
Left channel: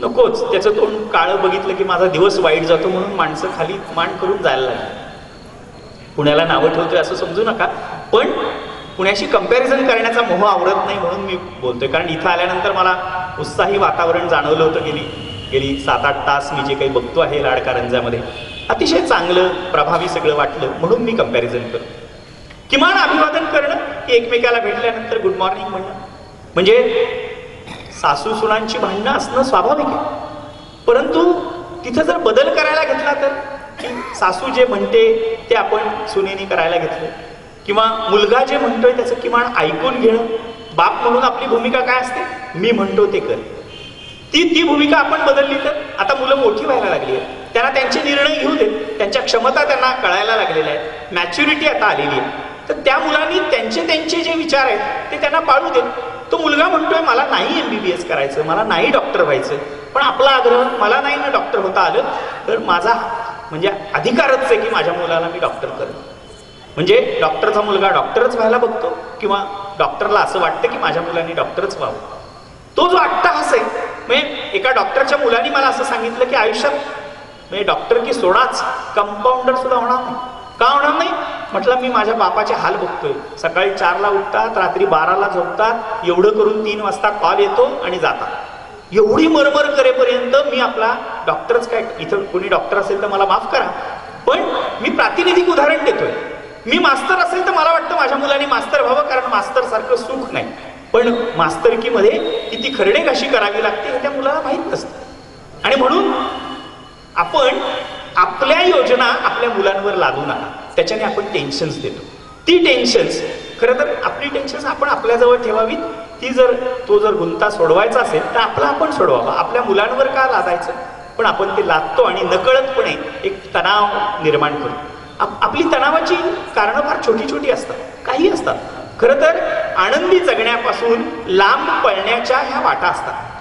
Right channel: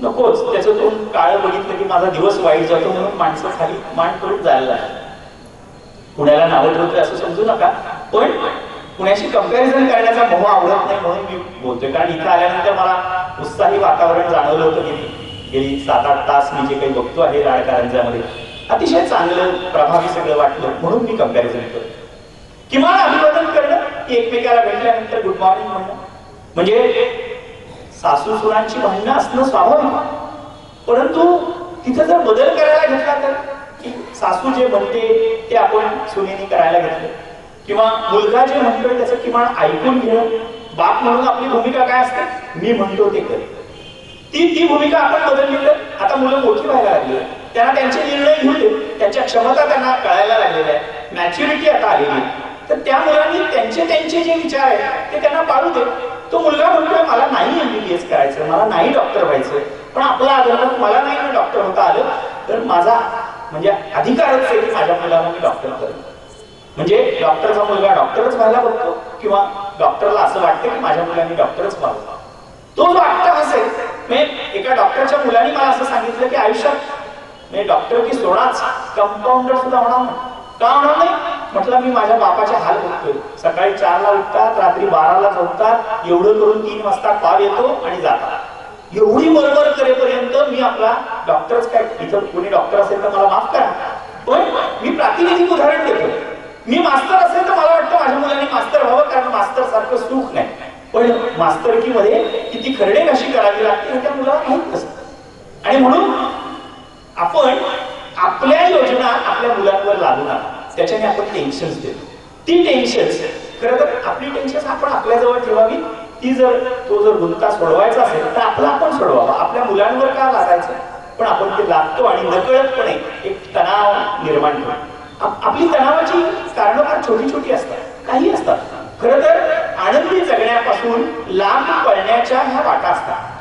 नकोच. त्याचं तोंड काळं बघितलं की माझा दिवस वाईट जातो म्हणून माणसं खाली मान करून जायला लागली. पुण्याला नावं ठेवतोय असं समजू नका, पण पुण्याशी कंपॅरिझन करण्याचा मोह आवडत नाही म्हणून मी बोलतोय. कारण इथं आल्यानंतर मला उत्साही वातावरण जाणवलं होतं. गेली 7-8 तास मी जे काही बघतो आहे राडकारंजामध्ये, अतिशय चांगलं प्रभावी सगळं वाटलं म्हणून मी कंपॅरिझन करतो. किमान अभिवादन करणं की एकमेकाला भेटल्यानंतर गुड मॉर्निंग म्हणणं. म्हणजे सासू सुनांची भांडणं असणं स्वाभाविक आहे, परंतु तिथं जर बदल करायला घेतला तर सासू जे म्हणते ते आपण सुनेनी करायला घेतलं, किंवा मुलगा जे म्हणतोय त्याचं किमान ऐकून घेणं. बाप म्हणून आपली भूमिका काय असते, मी म्हणतो ते कर. ती भूमिका आपण बदलली तर आता मुलं मोठी व्हायला लागली आहे, त्यांना त्यांचे निर्णय घेऊ दे, त्यांच्या क्षमता त्यांना कळायला लागलेल्या आहेत, मॅच्युरिटी आता आलेली आहे. तर त्या मुलांनी त्यांचे जे विचार आहेत ते त्यांना पाळू दे. तो मुलगा म्हणतोय मला नाही MBBS करायचं, मला नाही डॉक्टर व्हायचं, पण आपला आग्रह मला नाही ना डॉक्टर होता आलं तर माझा म्हणजे अधिकारच आहे की माझ्या मुलाला मी डॉक्टर करेन. म्हणजे डॉक्टरचा मुलगा डॉक्टरच व्हायला बघतो किंवा डॉक्टरला असं वाटतं की माझ्या मुलांनी डॉक्टरच व्हावं. तो जो अट्टहास आहे, म्हणजे एका डॉक्टरच्या मुलाने मला असं सांगितलं की आयुष्यात म्हणजे डॉक्टर की सोडाच कंपाऊंडर सुद्धा होणार नाही. का होणार नाही म्हटलं, मी माझ्या बापाचे हाल बघतोय. सकाळी 4ला उठतात, रात्री 12ला झोपतात, एवढं करून 3 वाजता कॉल येतो आणि जातात. एवढी बरोबर करेपर्यंत मी आपला डॉक्टरच काय, इथं कोणी डॉक्टर असेल तर मला माफ करा, पण मी प्रातिनिधिक उदाहरण देतोय. मी मास्तर असेल तर मला वाटतं माझ्या मुलांनी मास्तर व्हावं, कारण मास्तर सारखं सुख नाही. पण मास्तरकीमध्ये किती खरडेगाशी करावी लागते हे त्या मुलाला माहित नसतं. आणि म्हणून आपण आपल्या योजना आपल्या मुलांवर लादू नका. त्याच्याने आपण टेन्शन्स देतो. ती टेन्शन्स खरं तर आपली टेन्शन्स आपण आपल्याजवळ ठेवावी. तो जर गुंता सोडवायचा असेल तर आपला आपण सोडवावा. आपल्या मुलांवर का लादायचं, पण आपण ते लादतो आणि नकळतपणे एक तणाव निर्माण करतो. आपली तणावाची कारणं फार छोटी छोटी असतात, काही असतात. खरं तर आनंदी जगण्यापासून लांब पळण्याच्या ह्या वाटा असतात.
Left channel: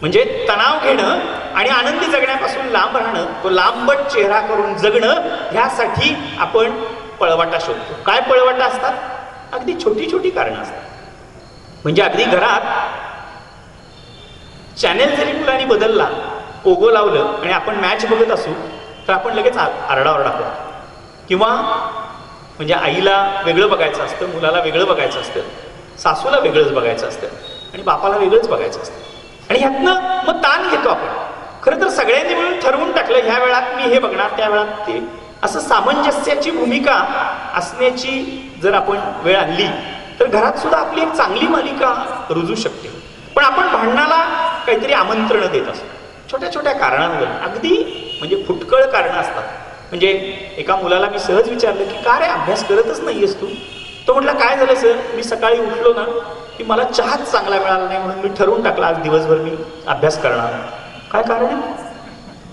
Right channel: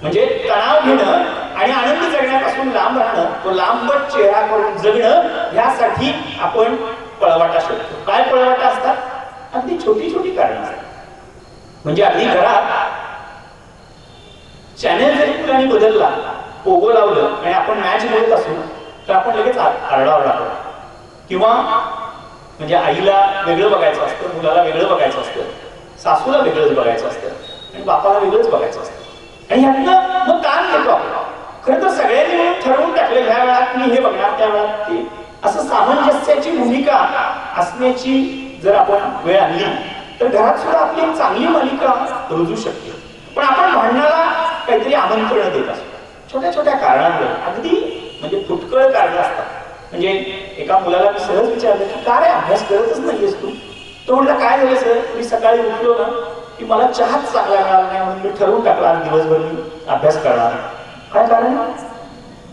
म्हणजे तणाव घेणं आणि आनंदी जगण्यापासून लांब राहणं, तो लांबट चेहरा करून जगणं, ह्यासाठी आपण पळवाटा शोधतो. काय पळवाटा असतात? अगदी छोटी छोटी कारणं असतात. म्हणजे अगदी घरात चॅनेल जरी मुलांनी बदलला, पोगो लावलं आणि आपण मॅच बघत असू तर आपण लगेच आरडाओरडा करतो. किंवा म्हणजे आईला वेगळं बघायचं असतं, मुलाला वेगळं बघायचं असतं, सासूला वेगळंच बघायचं असतं आणि बापाला वेगळंच बघायचं असतं. आणि ह्यातनं मग ताण घेतो आपण. खरं तर सगळ्यांनी मिळून ठरवून टाकलं ह्या वेळात मी हे बघणार, त्या वेळात ते, असं सामंजस्याची भूमिका असण्याची जर आपण वेळ आणली तर घरात सुद्धा आपली एक चांगली मालिका रुजू शकते. पण आपण भांडणाला काहीतरी आमंत्रण देत असतो छोट्या छोट्या कारणांवर. अगदी म्हणजे फुटकळ कारणं असतात. म्हणजे एका मुलाला मी सहज विचारलं की का रे अभ्यास करतच नाहीयेस तू? तो म्हटला काय झालं सर, मी सकाळी उठलो ना की मला चहाच चांगला मिळाला नाही म्हणून मी ठरवून टाकला आज दिवसभर मी अभ्यास करणार. काय कारण?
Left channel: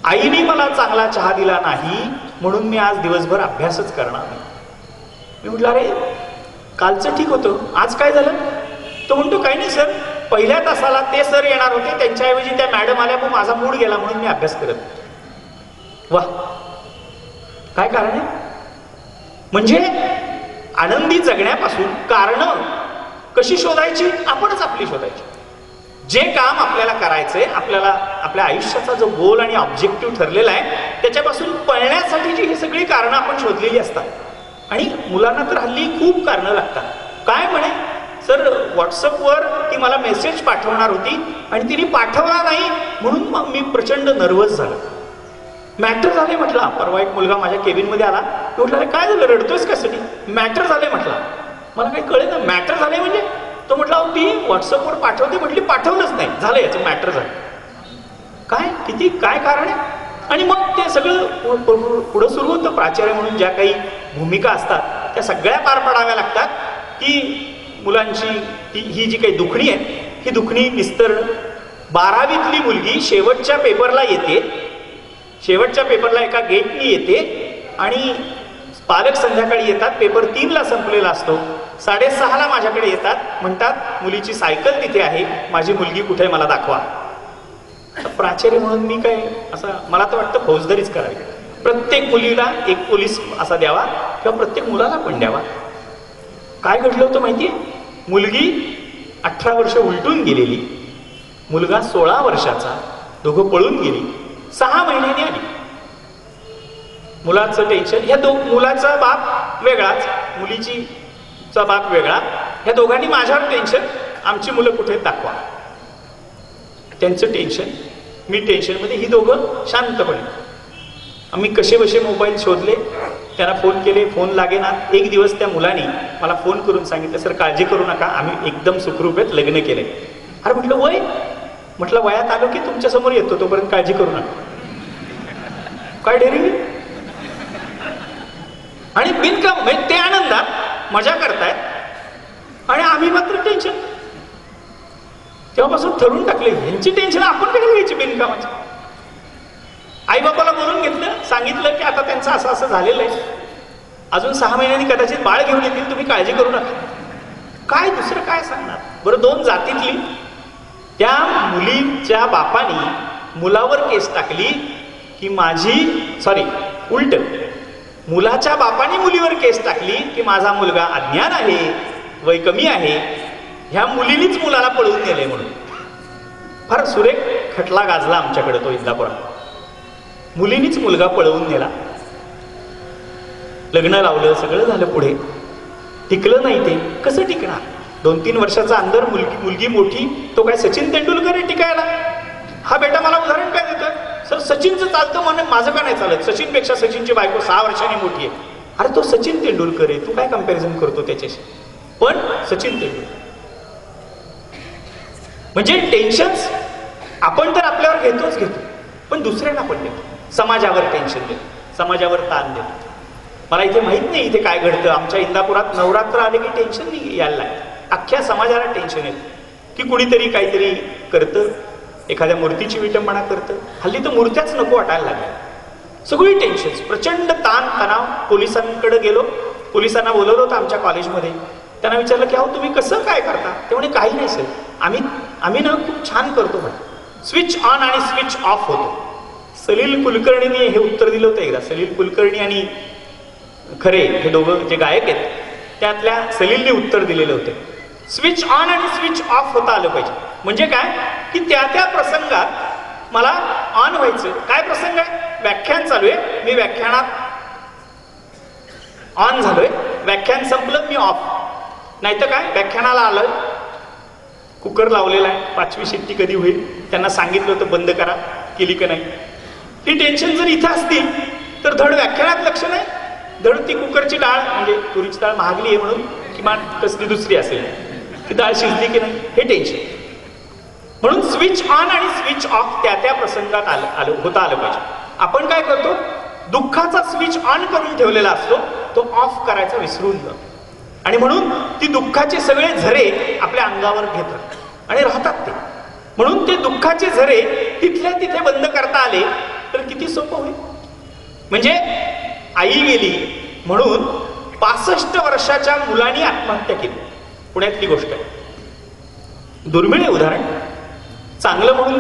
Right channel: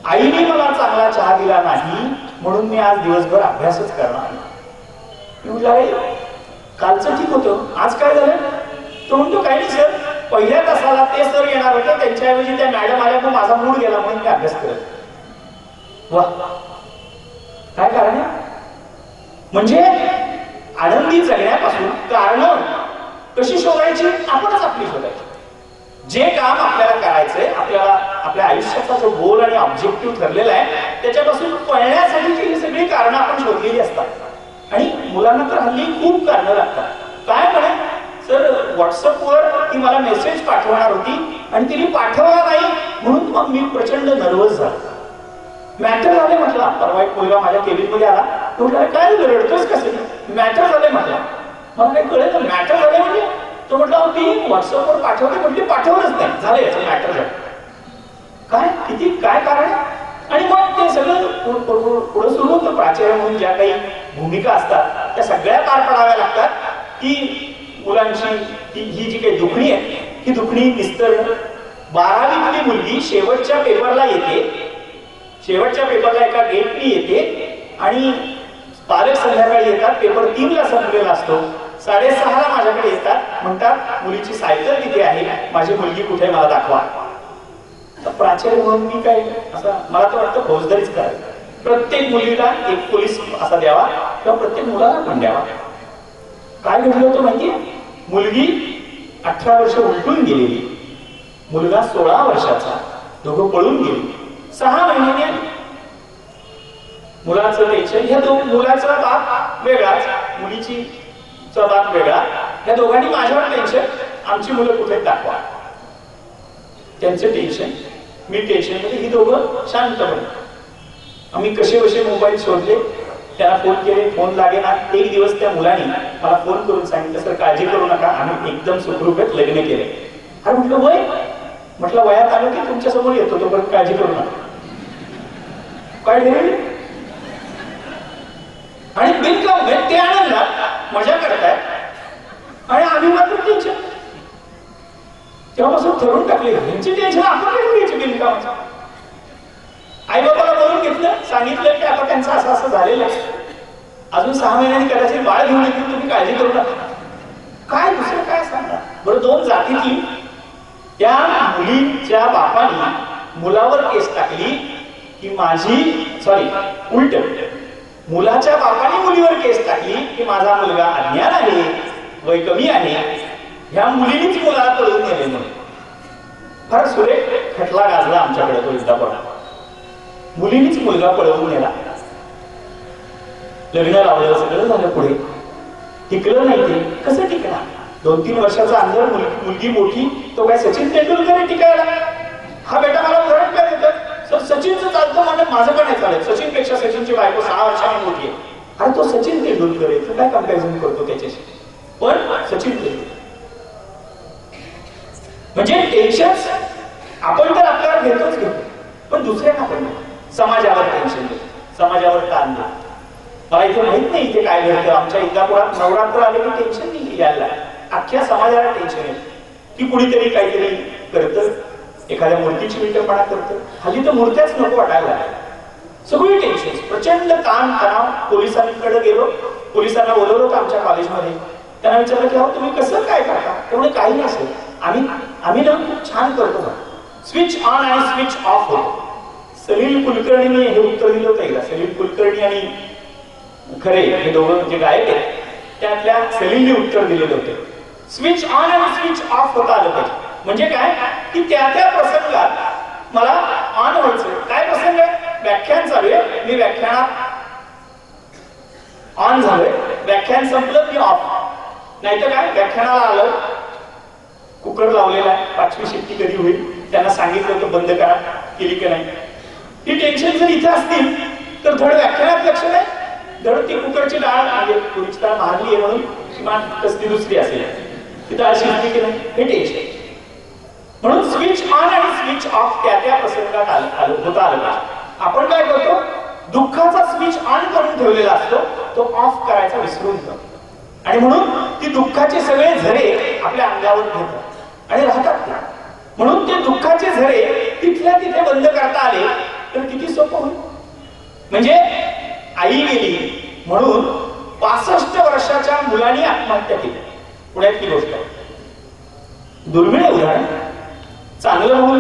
आईने मला चांगला चहा दिला नाही म्हणून मी आज दिवसभर अभ्यासच करणार. मी म्हटलं अरे कालचं ठीक होतं, आज काय झालं? तो म्हणतो काय नाही सर, पहिल्या तासाला ते सर येणार होते, त्यांच्याऐवजी त्या मॅडम आल्या पण माझा मूड गेला म्हणून मी अभ्यास करत. वा, काय कारण आहे? म्हणजे आनंदी जगण्यापासून कारण कशी शोधायची, आपणच आपली शोधायची. जे काम आपल्याला करायचंय, आपल्याला आपल्या आयुष्याचा जो गोल आणि ऑब्जेक्टिव्ह ठरलेला आहे त्याच्यापासून पळण्यासाठीची ही सगळी कारणं आपण शोधलेली असतात. आणि मुलांना तर हल्ली खूप कारणं लागतात. काय म्हणे, सर व्हॉट्सअपवर ती मला मेसेज पाठवणार होती आणि तिने पाठवला नाही म्हणून मग मी प्रचंड नर्वस झालो. मॅटर झाले म्हटलं. परवा एक मुलगा माझ्या केबिन मध्ये आला, म्हटलं काय झालं, रडतोस कशासाठी? मॅटर झाले म्हटलं. मला काही कळेल ना, मॅटर झाले म्हणजे? तो म्हटलं ती व्हॉट्सअपवर पाठवते म्हटली, पाठवलंच नाही, झालं याचं मॅटर झालं. काय किती काय कारण आहे? आणि मग ते सगळं पुढं सुरू होतं. प्राचार्य म्हणून ज्या काही भूमिका असतात त्या सगळ्या पार पाडाव्या लागतात. की मुलांची ही जी काही दुखणी आहे ही दुखणी निस्तरणं. 12वीतली मुलगी शेवटच्या पेपरला येते, शेवटच्या पेपरला एका गेटनी येते आणि पालक संध्याकाळी येतात, पेपर 3ला संपलेला असतो. 6:30ला माझ्याकडे येतात, म्हणतात मुलीची सायकल तिथे आहे, माझी मुलगी कुठे मला दाखवा. प्राचार्य म्हणून मी काय असं, मला तर वाटतं फौजदारीच करावी. प्रत्येक मुलीला एक पोलीस असा द्यावा किंवा प्रत्येक मुलाला पण द्यावा. काय घडलं होतं माहितीये? मुलगी 18 वर्ष उलटून गेलेली, मुलगा 16 वर्षाचा, दोघं पळून गेली. 6 महिन्यांनी आली. मुलाचं टेन्शन, ह्या मुलाचा बाप वेगळाच, मुलीचा बाप वेगळा, ह्या दोघांनी माझ्यावर टेन्शन, आमची मुलं कुठे दाखवा. त्यांचं टेन्शन, मी टेन्शन मध्ये, ही दोघं शांतपणे. आम्ही कसे बसे मोबाईल शोधले, त्यांना फोन केले, फोन लागेना. एक दिवस त्या मुलाने मला फोन करून सांगितलं, सर काळजी करू नका, आम्ही एकदम सुखरूपेत लग्न केले. अरे म्हटलं वय? म्हटलं वयात आलो की तुमच्या समोर येतो, तोपर्यंत काळजी करू नका. काय डेरिंग. आणि बिनकाम ते आनंदात मजा करतायत आणि आम्ही मात्र टेन्शन. तेव्हापासून ठरवून टाकले, ह्यांची टेन्शन आपण कधी घ्यायची बिनकामाचं. आई बाबाला बोलून घेतलं, सांगितलं की आता त्यांचं असं असं झालेलं आहे, अजून 6 महिन्यांनी कदाचित बाळ घेऊन येतील, तुम्ही काळजी करू नका. काय दुसरं काय सांगणार बरं. 2 जातीतली त्या मुलीच्या बापानी मुलावर केस टाकली की उलट मुलाच्या बापाने मुलीवर केस टाकली की माझा मुलगा अज्ञान आहे, वय कमी आहे, ह्या मुलीनीच मुलाला पळून नेले म्हणून. फार सुरेख खटला गाजला आमच्याकडे तो इंदापुरात. मुलीनीच मुलगा पळवून नेला, लग्न लावलं, सगळं झालं, पुढे टिकलं नाही. ते कसं टिकणार? 2-3 वर्षाचा अंदर मुलगी मोठी, तो काय सचिन तेंडुलकर आहे टिकायला? हा बेटा मला उदाहरण काय देतोय, सर सचिनचं चालतं म्हणजे माझं का नाही चालत? सचिन पेक्षा सचिनची बायको 6 वर्षांनी मोठी आहे. अरे तो सचिन तेंडुलकर आहे, तू काय कम्पॅरिझन करतो त्याच्याशी? पण सचिन तेंडुलकर म्हणजे टेन्शन आपण तर आपल्यावर घेतोच घेतो, पण दुसऱ्यांना पण घेतो. समाजावर टेन्शन देतो, समाजावर ताण देतो. मला इथे माहित नाही इथे काय घडतं. आमच्या इंदापुरात नवरात्र आले की टेन्शन नाही यायला, अख्ख्या समाजाला टेन्शन येतं की कुणीतरी काहीतरी करतं, एखाद्या मूर्तीची विटंबना करतं. हल्ली तर मूर्त्याच नको वाटायला लागल्या. सगळी टेन्शन, प्रचंड ताण तणाव. पोलिसांकडे गेलो, पोलिसांना बोलवलं होतं आमच्या कॉलेजमध्ये. त्यांना विचारलं की अहो तुम्ही कसं काय करता? तेवढे काही नसेल, आम्ही ना खूप छान करतो ना, स्विच ऑन आणि स्विच ऑफ होतो. सलील कुलकर्णीने हे उत्तर दिलं होतं एकदा. सलील कुलकर्णी आणि खरे हे दोघं जे गायक आहेत त्यातल्या सलीलने उत्तर दिलेलं होतं, स्विच ऑन आणि स्विच ऑफ होता आलं पाहिजे. म्हणजे काय की त्या त्या प्रसंगात मला ऑन व्हायचं. काय प्रसंग आहे? व्याख्यान चालू आहे, मी व्याख्यानात ऑन झालोय, व्याख्यान संपलं मी ऑफ. नाहीतर काय, व्याख्यानाला आलं, कुकर लावलेला आहे, 5वी शिट्टी कधी होईल, त्यांना सांगितलं होतं बंद करा, केली का नाही. ही टेन्शन जर इथं असतील तर धड व्याख्यानात लक्ष नाही, धड ती कुकरची डाळ, म्हणजे तुरीची डाळ महागली आहे म्हणून किमान कसली दुसरी असेल, ती डाळ शिजली की नाही, हे टेन्शन. म्हणून स्विच ऑन आणि स्विच ऑफ त्या त्या प्रसंगात होता आलं पाहिजे. आपण काय करतो, दुःखाचा स्विच ऑन करून ठेवलेला असतो, तो ऑफ करायचा विसरून जातो. आणि म्हणून ती दुःखाचे सगळे झरे आपल्या अंगावर घेतात आणि राहतात ते. म्हणून ते दुःखाचे झरे तिथल्या तिथे बंद करता आले तर किती सोपं होईल. म्हणजे आई गेली म्हणून 65 वर्षाच्या मुलाने आत्महत्या केली. पुण्यातली गोष्ट आहे, दुर्मिळ उदाहरण. चांगलं म्हणून